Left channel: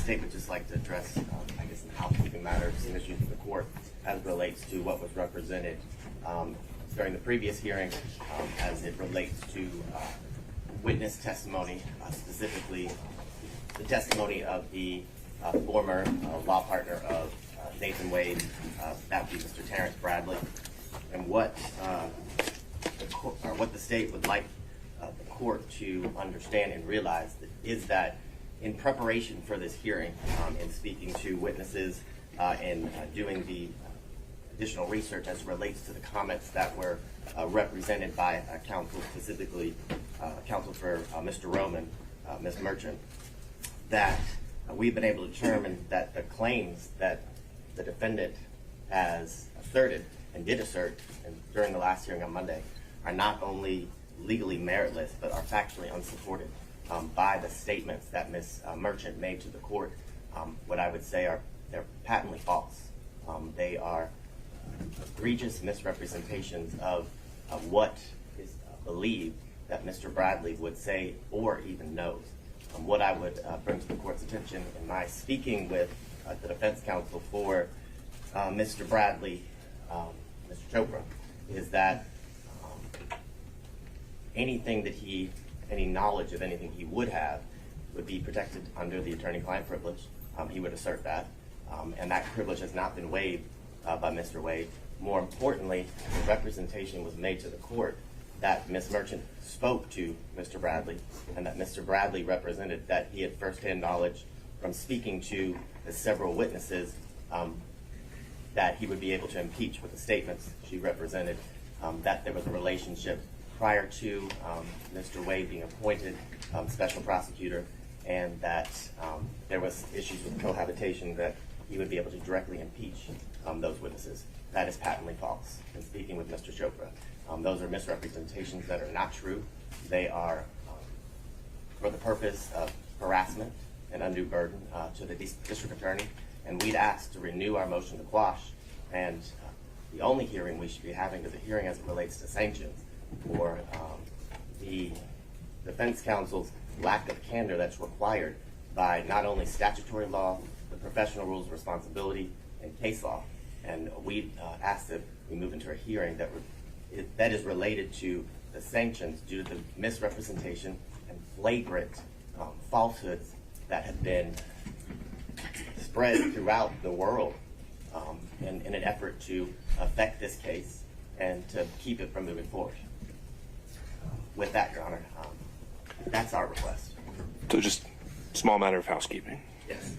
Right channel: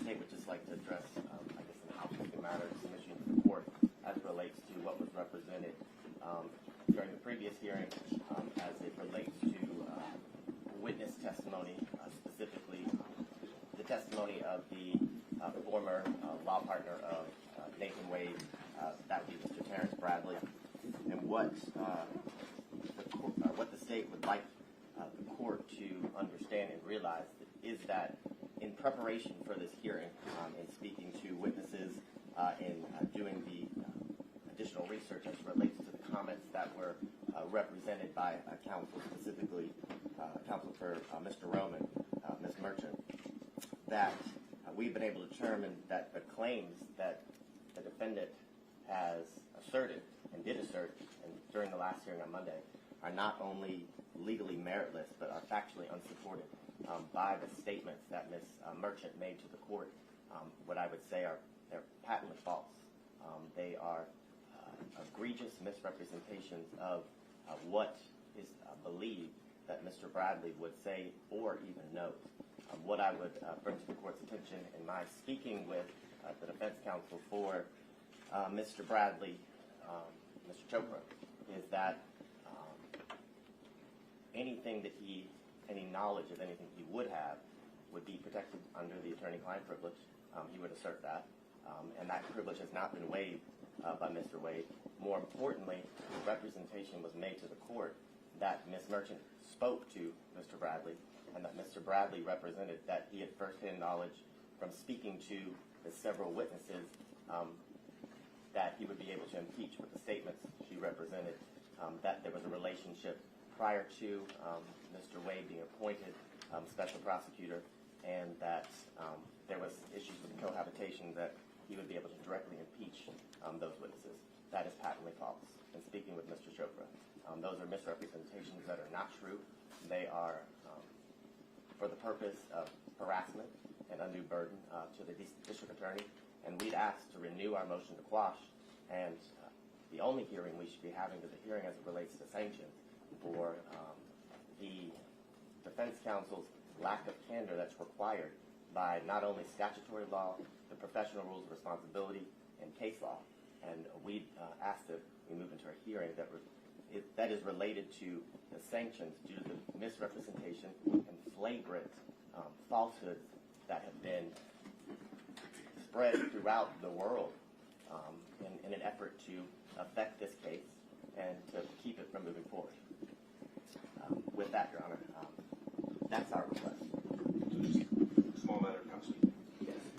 state would just like to address, I guess, the housekeeping matters, some issues in the court as it relates to what was represented during the previous hearing as it relates to witness testimony, specifically the testimony of the former law partner of Nathan Wade, that would be Mr. Terrence Bradley, and what the state would like the court to understand and realize is that in preparation for this hearing, in speaking to witnesses and doing the additional research as it relates to the comments that were represented by counsel, specifically counsel for Mr. Roman, Ms. Merchant, that we've been able to determine that the claims that the defendant has asserted and did assert during the last hearing on Monday are not only legally meritless, but are factually unsupported by the statements that Ms. Merchant made to the court. What I would say they're patently false. They are egregious misrepresentations of what is believed that Mr. Bradley would say or even knows. What I would bring to the court's attention in my speaking with the defense counsel for Mr. Bradley, Mr. Chopra, is that any knowledge of anything he would have would be protected under the attorney-client privilege. He would assert that, and that privilege has not been waived by Mr. Wade. More importantly, the representation was made to the court that Ms. Merchant spoke to Mr. Bradley, and that Mr. Bradley represented that he had firsthand knowledge from speaking to the several witnesses that he would be able to impeach with the statements she represented, that there was a relationship prior to Mr. Wade being appointed special prosecutor, and that there was issues with cohabitation that he would be able to directly impeach those witnesses. That is patently false. In speaking with Mr. Chopra, those are misrepresentations that are not true. They are for the purpose of harassment and undue burden to the district attorney, and we'd ask to renew our motion to quash, and the only hearing we should be having is a hearing as it relates to sanctions for the defense counsel's lack of candor that's required by not only statutory law, but professional rules of responsibility and case law. And we ask that we move into a hearing that is related to the sanctions due to the misrepresentation and flagrant falsehoods that have been spread throughout the world in an effort to affect this case and to keep it from moving forward. With that, Your Honor, that's our request. So just small matter of housekeeping. Yes.